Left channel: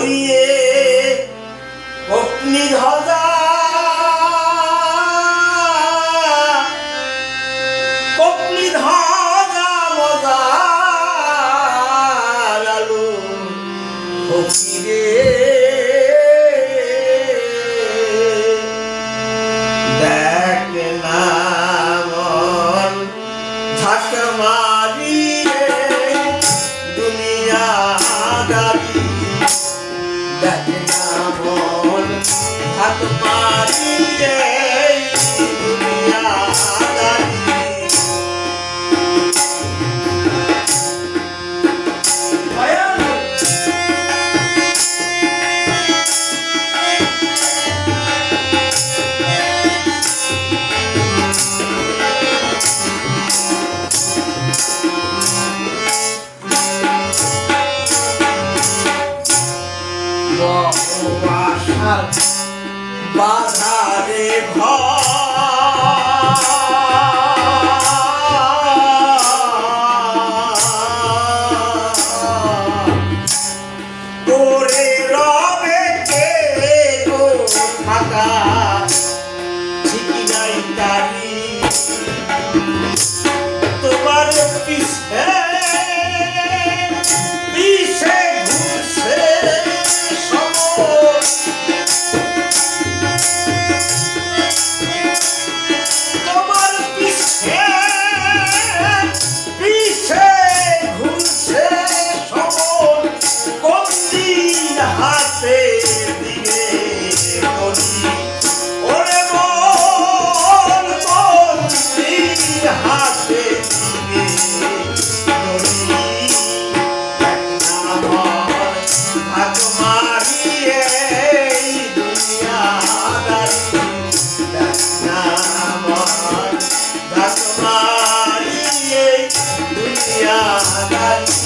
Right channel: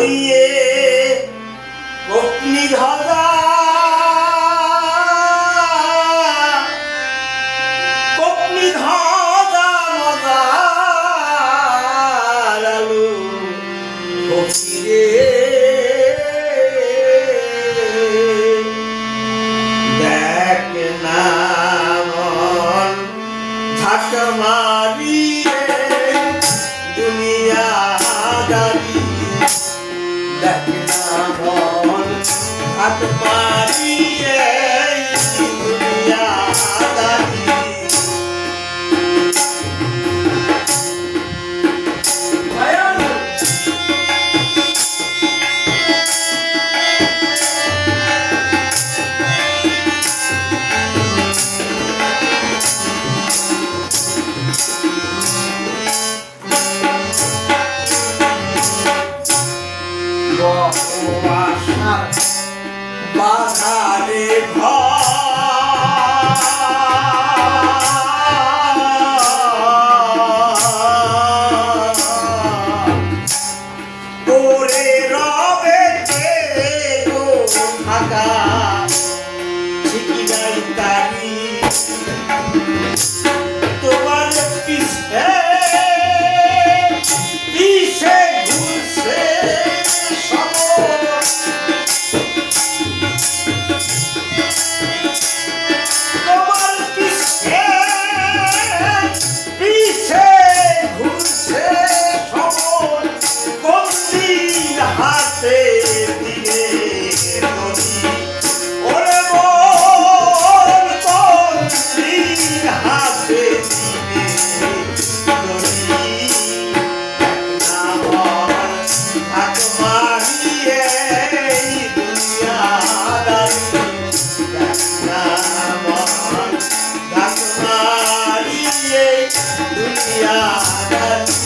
করিয়ে অগ্নি ধ্বজা অগ্নি ধ্বজা মজা লালু ফকিরে দেখ না মন ঝাঁক মারিয়ে দুনিয়াদারি দেখ না মন ঝাঁক মারিয়ে দুনিয়াদারি বাধারে ঘরে রবে গো থাকা ঠিকই নাই তারি তোমার পিছে পিছে ঘুরছে হাতে দিয়ে নদী ওরে বল বন্দি হাতে দিয়ে নদী নামর ভাগ মারিয়ে দুনিয়াদারি নামর ভাগ মারিয়ে দুনিয়াদারি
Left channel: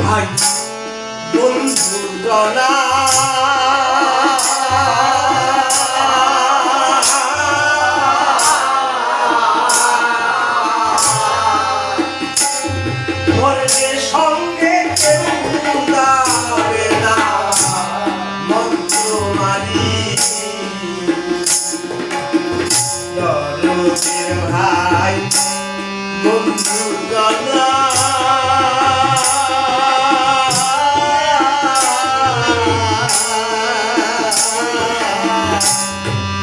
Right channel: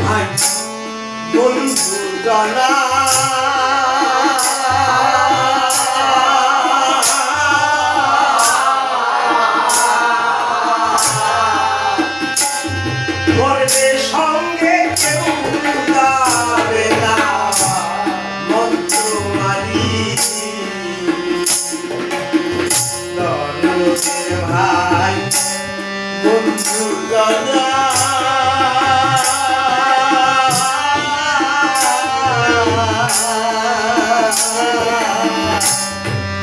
ভাই বন্ধু জনা মরণের সঙ্গে কেউ যাবে না মন্ত্র মারি দরদের ভাই বন্ধু জনা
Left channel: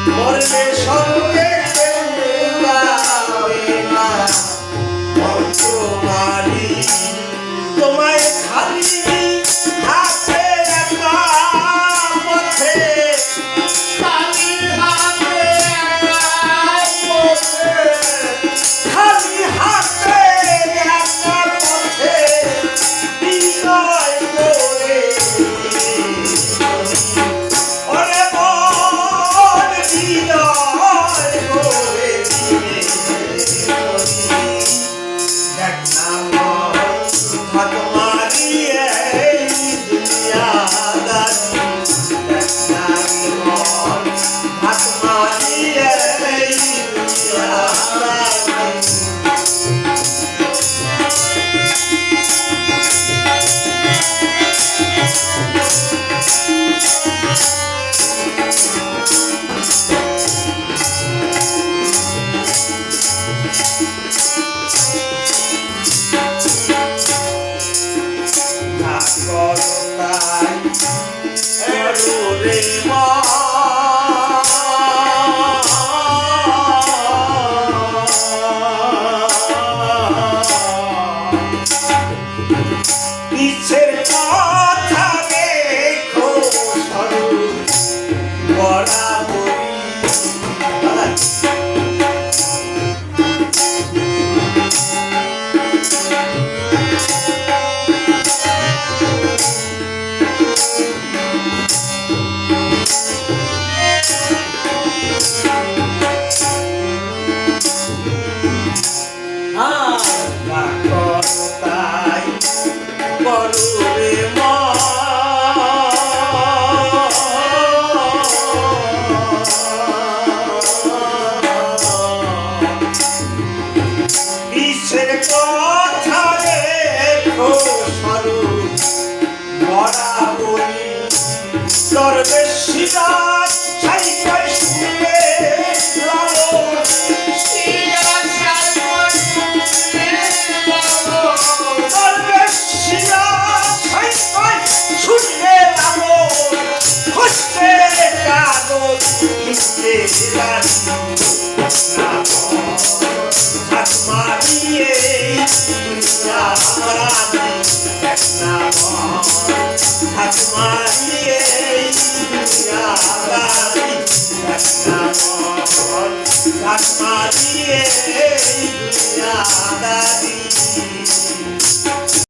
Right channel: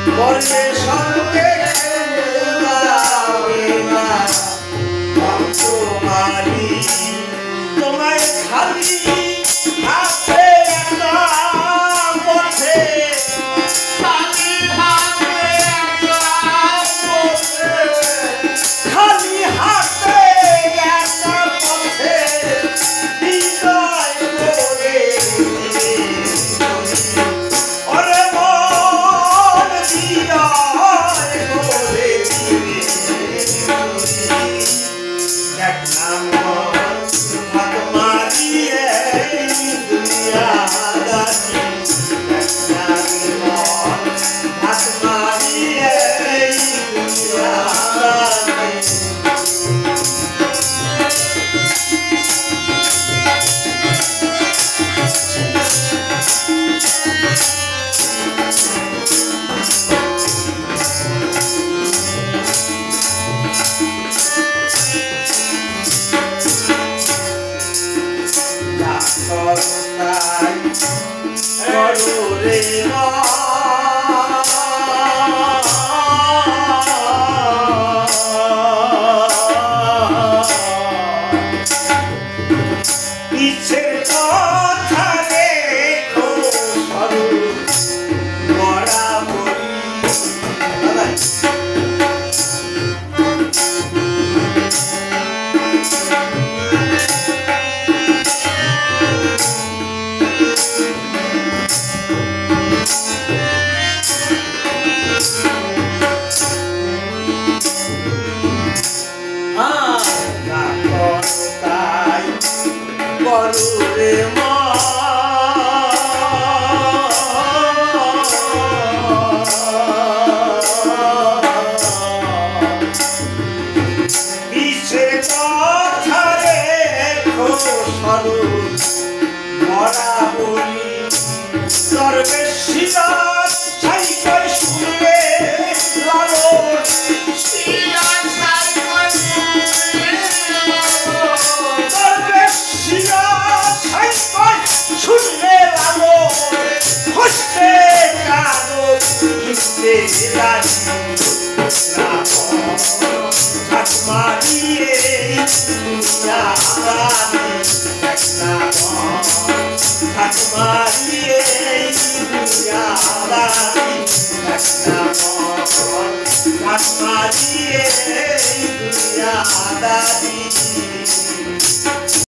মরণের সঙ্গে যাবে না মন্ত্র মারি তোমায় খালি হাতে একা পথে খালি হাতে একা পথে খালি হাতে একা পথে বিজয় করে ওরে বল বিজয় করে দেখ না ভাগ মারিয়ে দুনিয়াদারি দেখ না মন ভাগ মারিয়ে দুনিয়াদারি রে মা পিছের কথা রেখো সরু বরাবরি করো রে মা বিশ্বের কথা রেখো স্বরূপ মরা বলি দরবেশিরা সাইকেল শুনবে লালন দরবেশিরা সাইকেল শুনবে লালন হসতে কাগজ কিনতে রাজি হাত মারিয়ে দুনিয়া দাবি হাত মারিয়ে দুনিয়া দাবি হাত মারিয়ে দুনিয়া দাবি